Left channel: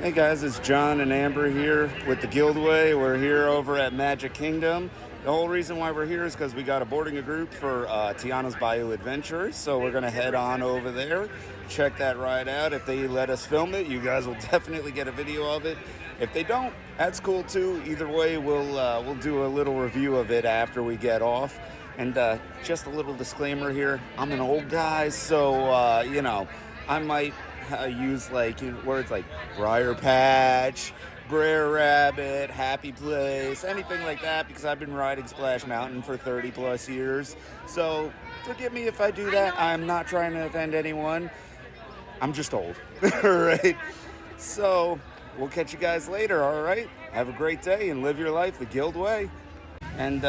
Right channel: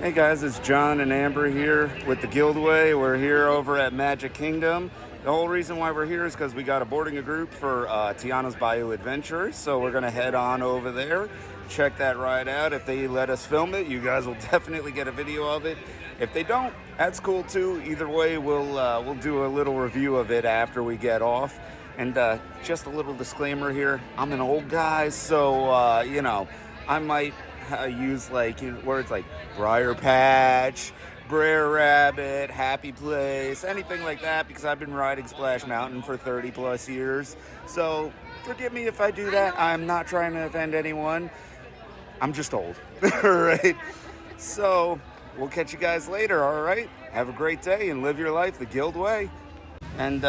Hey guys, it's John and Amber here with the Gildway. We're here over at Magic Kingdom. The whole reason why we're here is because we got a boarding a group for Tiana's Bayou Adventure. So we're going to head on over there, check that ride out. If they let us film it, you guys will definitely get a video of it. If they don't, that's cool too. Either way, we'll do a little review of it after we get off. And just a little disclaimer here, I'm an old guy, so I might use like words like Briar Patch, Brer Rabbit, Happy Place, anything like that, because I've been riding Splash Mountain for 30 plus years. So forgive me if I do that. I'm not trying to offend anyone. I'm just old. All right. So we'll catch you guys later. All right. Have a great day and live your life the Guild way. And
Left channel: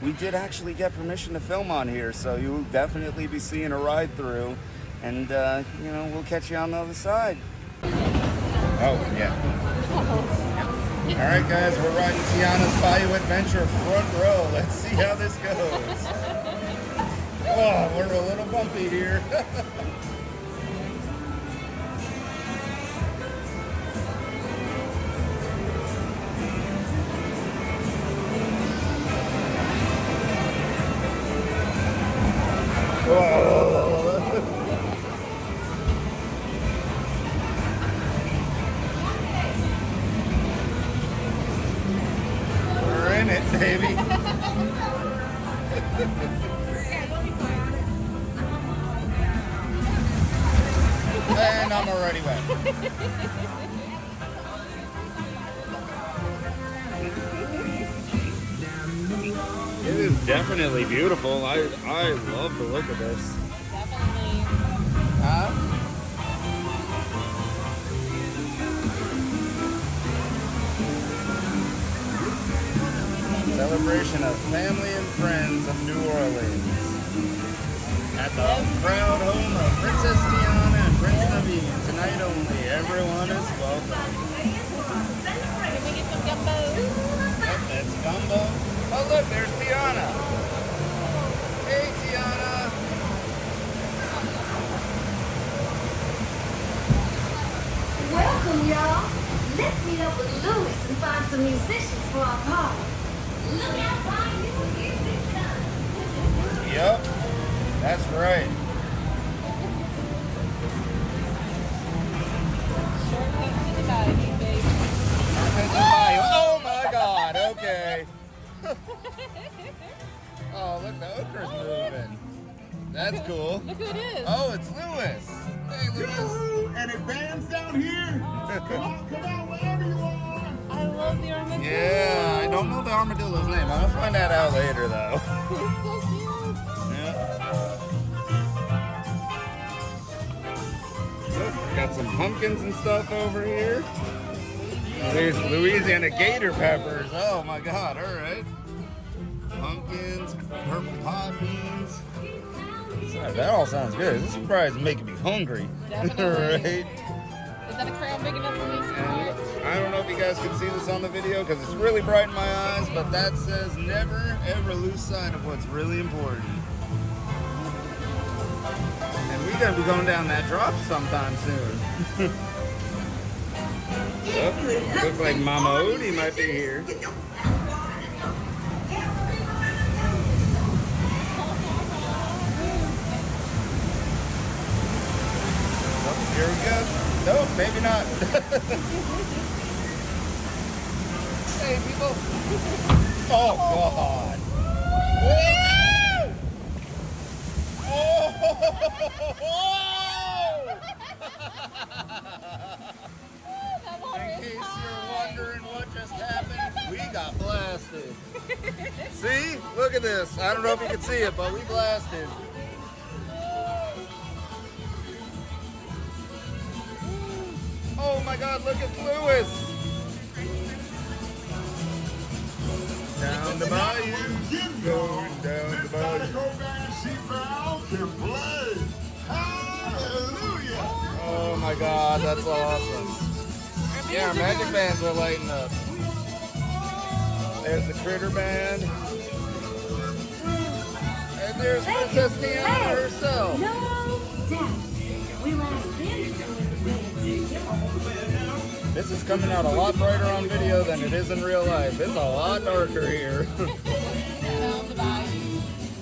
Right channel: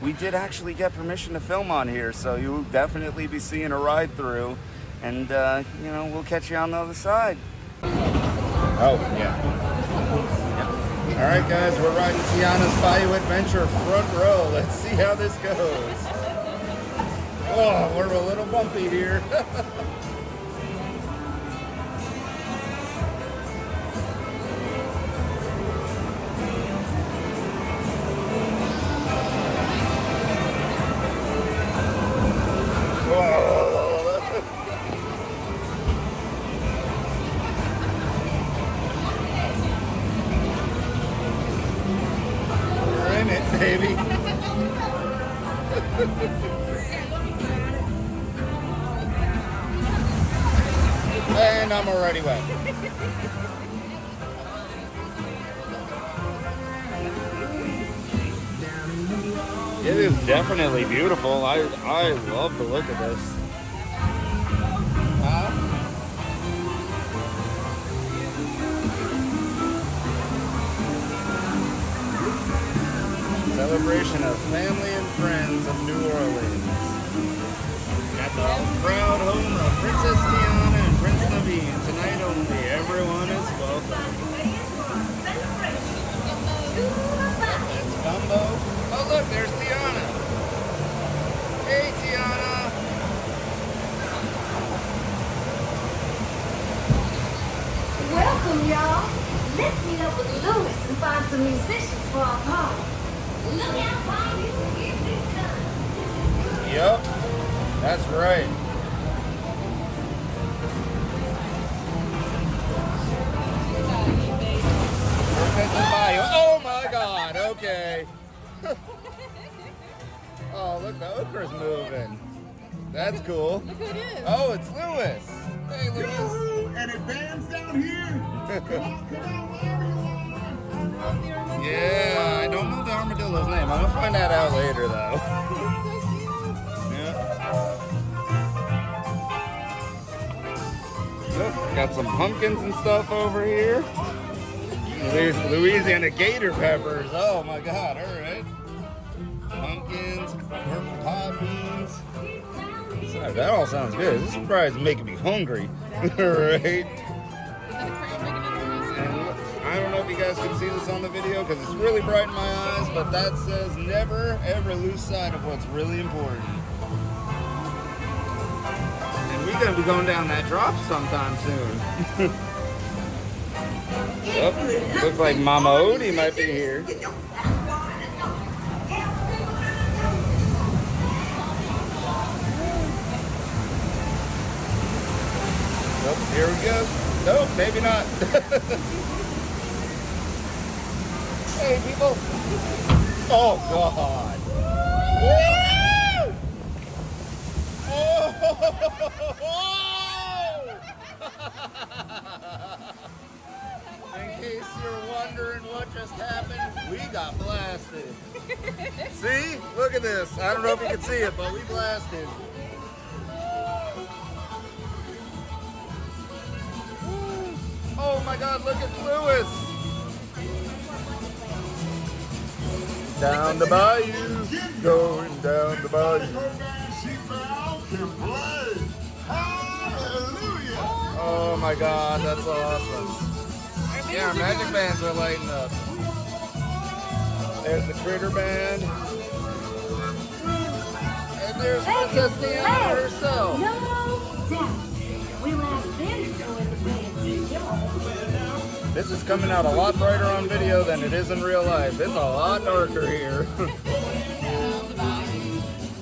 we did actually get permission to film on here, so you'll definitely be seeing a ride through. And, we'll catch you on the other side. Oh, yeah. All right, guys, we're riding Tiana's Bayou Adventure front row. Let's see how this goes. Oh, we're a little bumpy here. Baby. And I'm already wet. It is definitely beautiful. I love the look of this. Celebration of family and friends of New Orleans. At the proud home of Princess Tiana and Prince Naveen. Tonight only, everyone is welcome. That's Gumbo. Oh look, there's Tiana. Hey Tiana. Welcome y'all. Let's meet up with Louis and find some musicians for our party. Look out, bayou. Yep, that's right. Oh my God, okay. Oh, look, the okra's moving. That's cool. Look who it is. Oh, it's Louis. Hey, Louis. And it bands down here. Come on, wherever you are. I love the armadillo. Yeah, I don't know the armadillo's name. I'm gonna find that out later, though. He's so cute. Yeah. Look, got some pumpkins and stuff over here. There's Louisiana gator peppers. Oh my God! All right. Pumpkins, purple pot beans. Sorry, that all sounds good. This surprise is making me hungry. All right. Is that a crayon big enough for me? And I don't know if you guys can see this on the video because it's really bright in my eyes, but that says never ever lose sight of what's really important. And we're gonna be going down that drop sometime soon. Oh, looks like Mama Odie might be here. Oh, here we go. Nope, maybe not. Hey, people. Oh, God. Woo! Oh! In case you're wondering what just happened, we got blasted. See? Look at this. I don't know if you can see it, but we blasted. Oh my God, look at Louis. Down the bayou, going down the bayou. Oh my God, that's awesome. Yeah, our magic bands are lighting up. There's the Critter Band. And there's Princess Tiana herself. No doubt. We'll ask them to join the band. This is coming out a lot brighter on video than it is in real life. It's a lot darker here.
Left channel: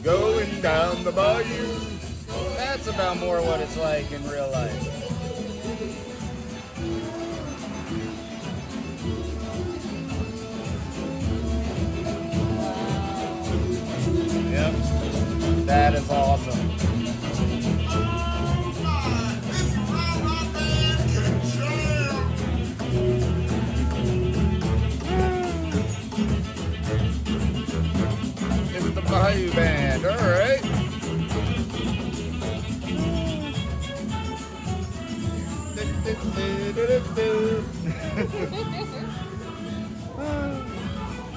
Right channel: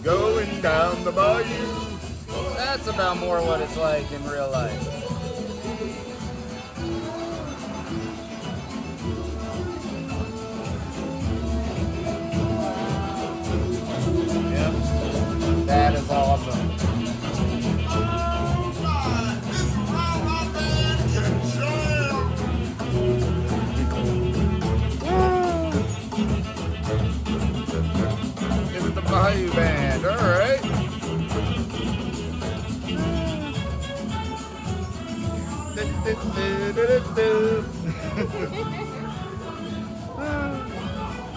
Going down the bayou. That's about more what it's like in real life. Yep, that is awesome. It's the Bayou Band, all right.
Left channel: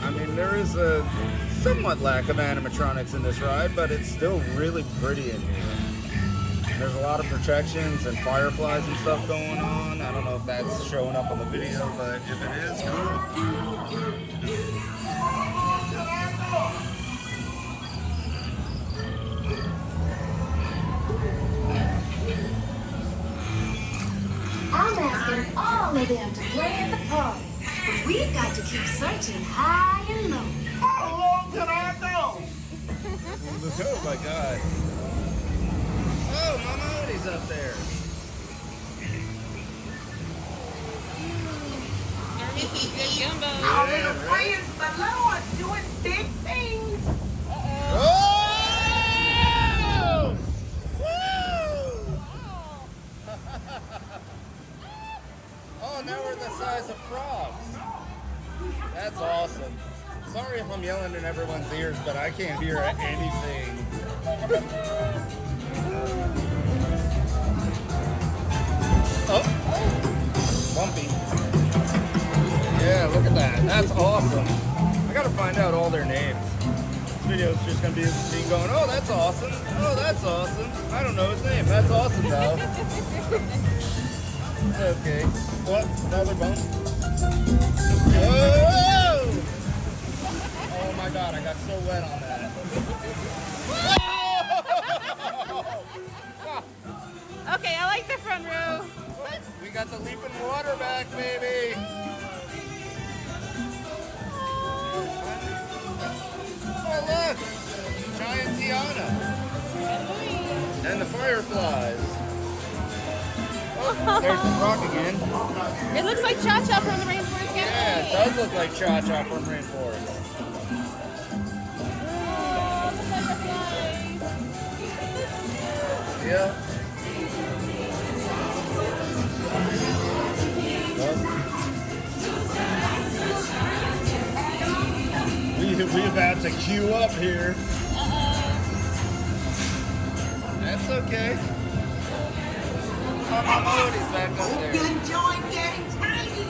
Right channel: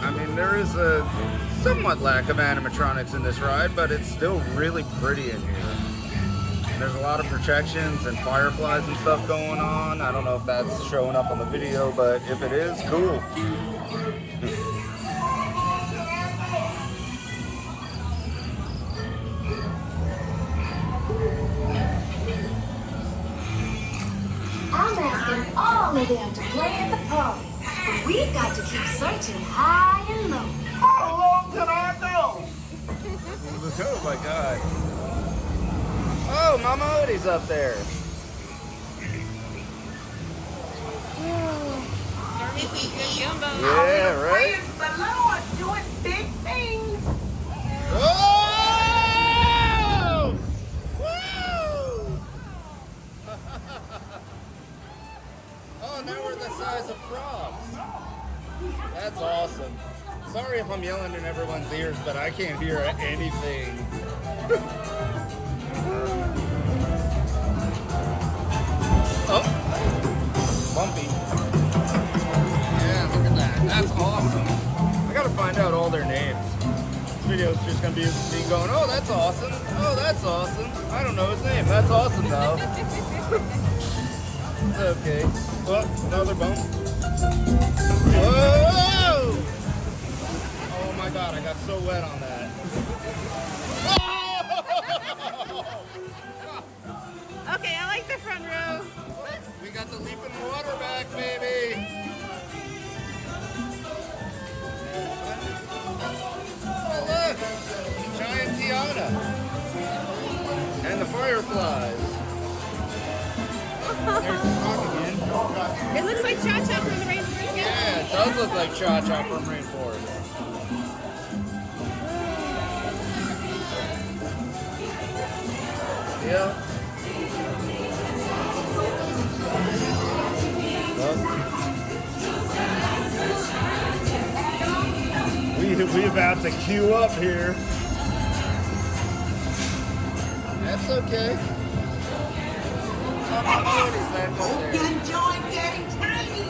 I mean, there is a somewhat lack of animatronics in this ride, but it's still really pretty in here. There's a lot of protections and fireflies and stuff going on. I don't know if that's showing up on the video, but if it is, cool. I'm asking all of them to play at the party. But we've got to keep searching high and low. How long can I go? Oh my god. Oh, Mama Odie's up there. Yeah, right? Praise the Lord, doing big things. Oh! Woo! Oh, now we're the size of frogs. That's awesome. Sorry if I'm yelling in everyone's ears, but I can't hear anything. Oh, bumpy. Yeah, look at that. That's awesome. I gotta find out all their names. This video's just gonna be me going, oh, that's awesome. Oh, that's awesome. I don't know his name. That's awesome, though. Okay. Well, another bump. Whoa! Oh my god, I got so wet on that. Okay, I like the front row. We got the leaping water back, baby. Oh, look. Giant Tiana. And the fireflies. There's the rock again. It looks like Cha-Cha from the Rainforest. Yeah, it does look like Cha-Cha from Rainforest. Yeah. We about to queue up here. That's okay. Hope you enjoyed getting tiny.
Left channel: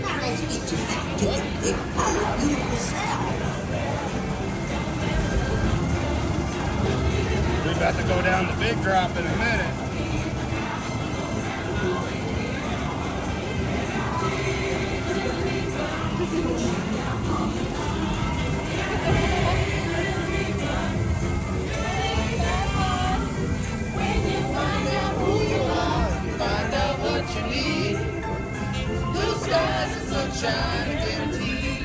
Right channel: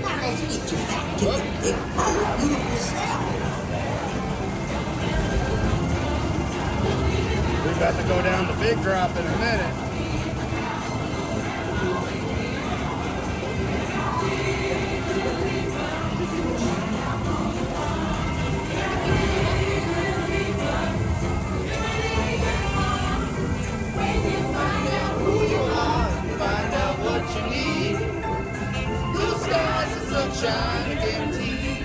Now let's get you back to the big pole yourself. We got to go down the big drop in a minute. Find out what you need. Blue skies and sunshine guaranteed.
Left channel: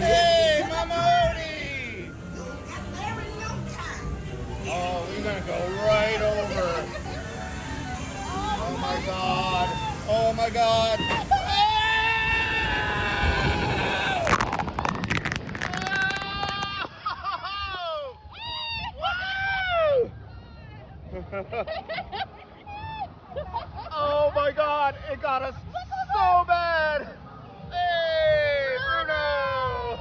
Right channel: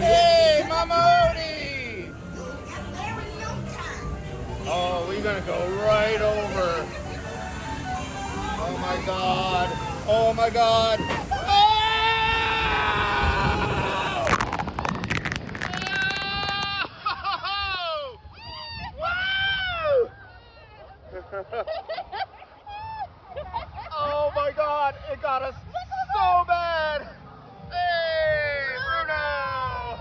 Hey, Mama Odie! You'll get there in no time. Oh, we're gonna go right over. Oh my god. Oh my god. Oh my god, it got us so bad! Hey, Bruno!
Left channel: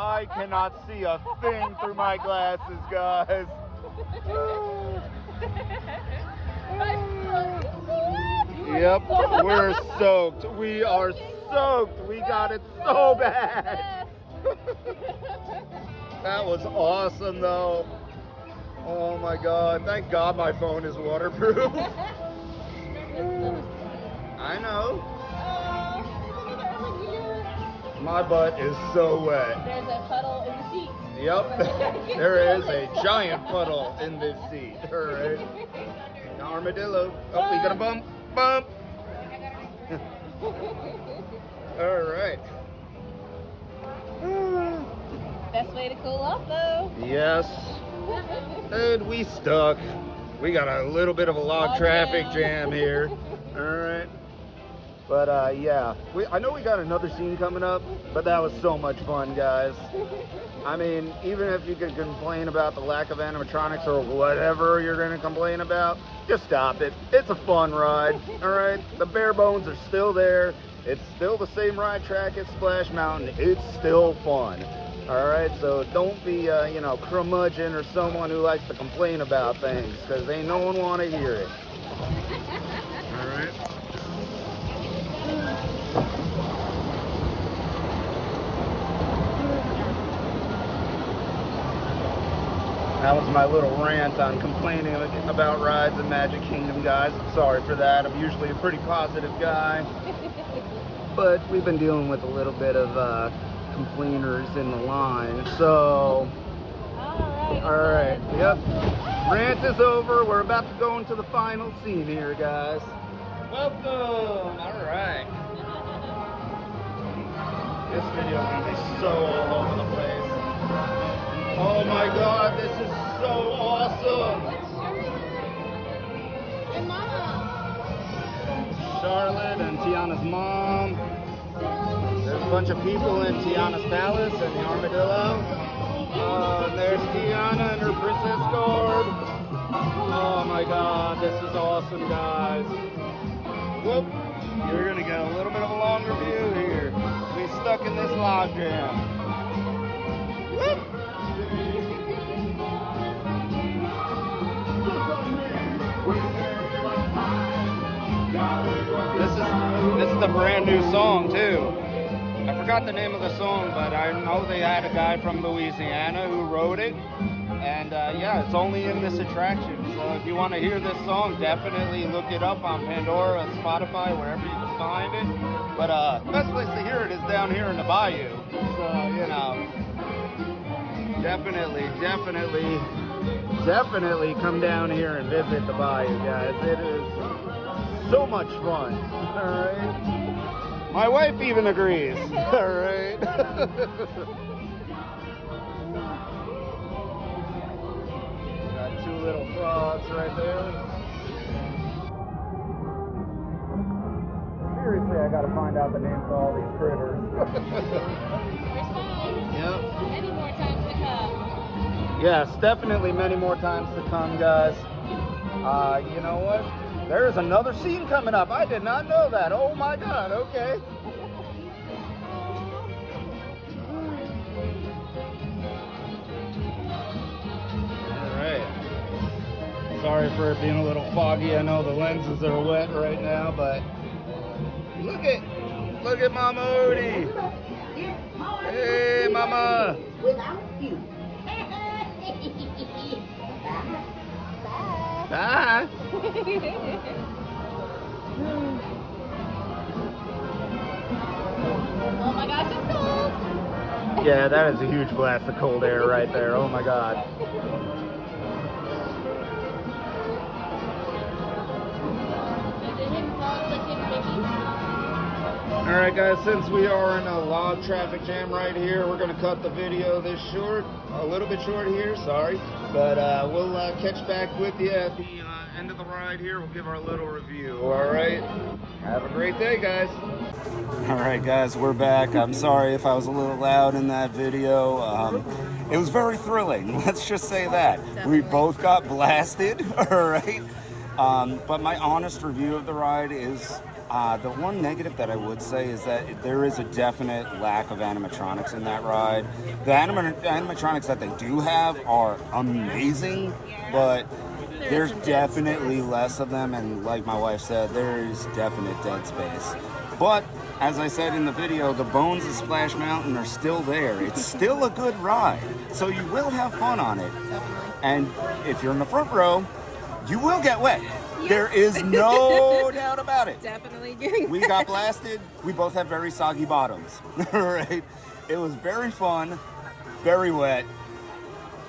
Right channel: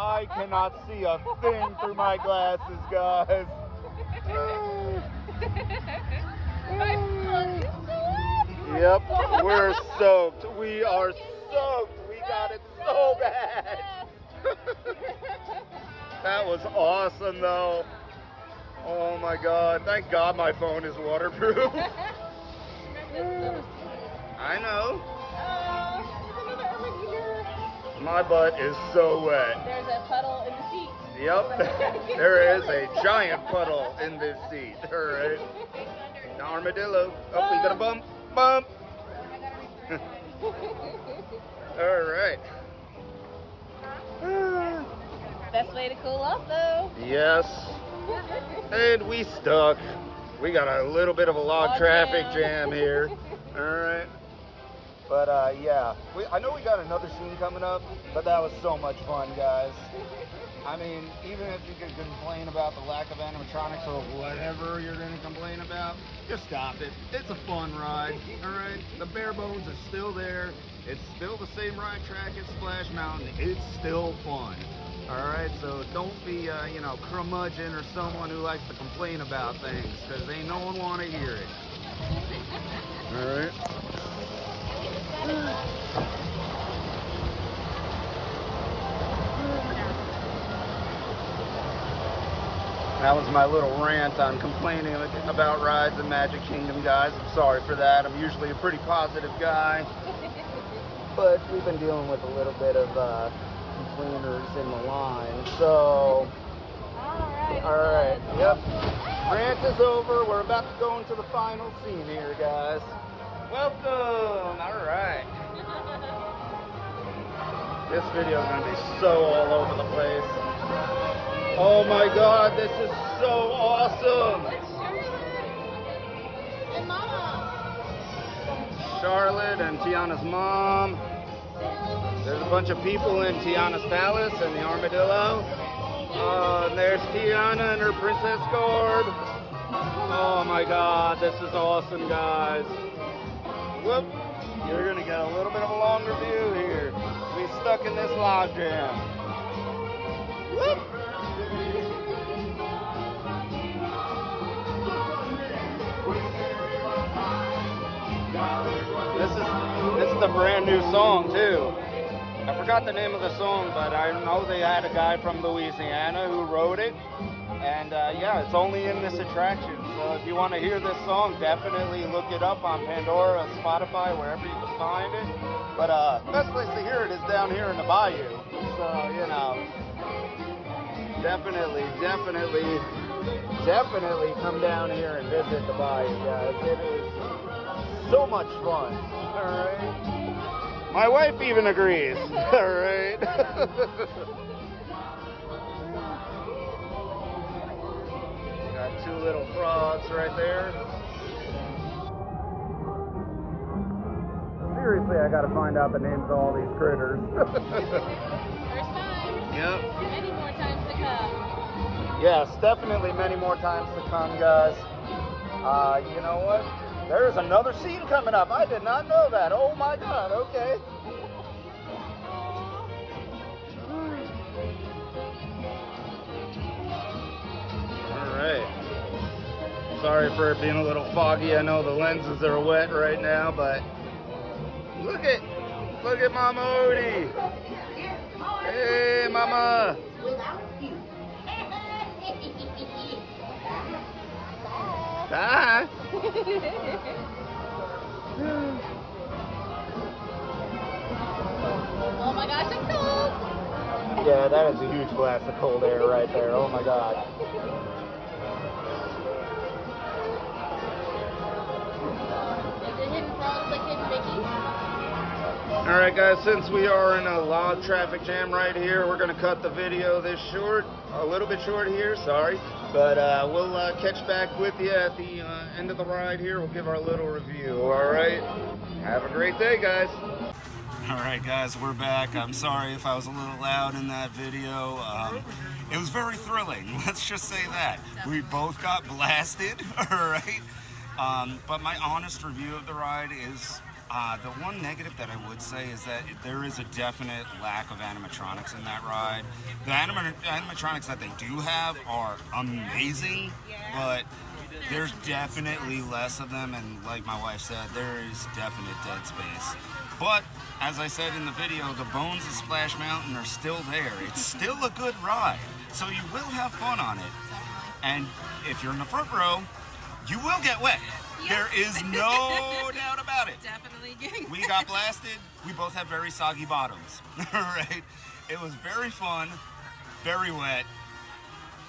I cannot see a thing through my glasses, guys. Yep, we're soaked. We are soaked. We got it so bad. That was awesome, though. Oh my god, thank god my phone is waterproof. I know. My butt is so wet. There's a puddle in the seat. Yep, there is a giant puddle in this seat. Alright. Armadillo. Oh, we got a bump. Bump. All right. Best way to cool off, though. Yes. And we stuck. We got a little bit of a log traffic jam here. All right. But yeah, I know we got another scene coming up, but that was so much fun, guys. I mean, even if you could complain about the lack of animatronics or whatever you're gonna complain about, just stop it. It's a fun ride, all right? The bare bones is still there. It's still the same ride track as Splash Mountain. It's still fun, all right? So don't be, you know, curmudgeon or someone who likes to complain about things, because ain't no one want to hear it, all right? That was my little rant on complaining about rides in Magic Kingdom, guys. I'm sorry for that. I'm usually a pretty positive guy. But we've been dealing with a little bit of complainers in the line. So, alright, yep. Rant is over. We're about to go into the final scene here, guys. Welcome! Alright. This video is going to be so all over the place. Oh my god, this is so awesome! Charlotte and Tiana's mom. There's a bunch of people in Tiana's palace and the armadillo. And there's Tiana and her princess garb. Oh my god, this is awesome, guys. Whoop! You're gonna get a little bit of a longer view here. We stuck in this log jam. Whoop. This is the brand new song too. I forgot the name of the song, but I know they had a guy from Louisiana who wrote it. And yeah, it's only in this attraction. So if you want to hear this song, definitely look it up on Pandora, Spotify, wherever you can find it. But the best place to hear it is down here in the bayou. So, you know, definitely come down here and visit the bayou, guys. It is so much fun. All right. My wife even agrees. All right. Two little frogs right there. Seriously, I gotta find out the names of all these critters. Yep. Many more times to come. Yes, definitely many more times to come, guys. You know what? There's another scene coming up. I did not know that. Oh my god, okay. Alright. Sorry for it being a little foggy. I know the lenses are wet right now, but look at Mama Odie. Hey, Mama. Bye. Oh my gosh, it's cold. Yeah, that is a huge blast of cold air right there. Oh my god. Alright guys, since we are in a log traffic jam right here, we're going to cut the video this short, a little bit short here, sorry. But we'll catch back with you at the end of the ride here. We'll give our little review, alright? Have a great day, guys. Alright guys, we're back. I'm sorry if I was a little loud in that video. It was very thrilling, let's just say that. We both got blasted, alright? But my honest review of the ride is, the one negative that I would say is that there is a definite lack of animatronics in that ride. The animatronics that they do have are amazing, but there's definitely less of them, and like my wife said, there is definite dead space. But, as I said in the video, the bones of Splash Mountain are still there. It's still a good ride, so you will have fun on it. And if you're in the front row, you will get wet. Yes. There is no doubt about it. Definitely getting We got blasted. We both have very soggy bottoms. Right? It was very fun, very wet,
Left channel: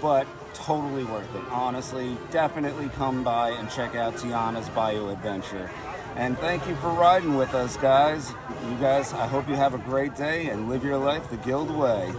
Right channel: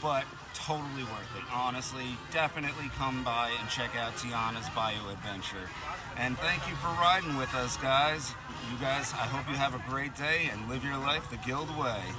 but totally worth it. Honestly, definitely come by and check out Tiana's Bayou Adventure. And thank you for riding with us, guys. You guys, I hope you have a great day and live your life the Gildway.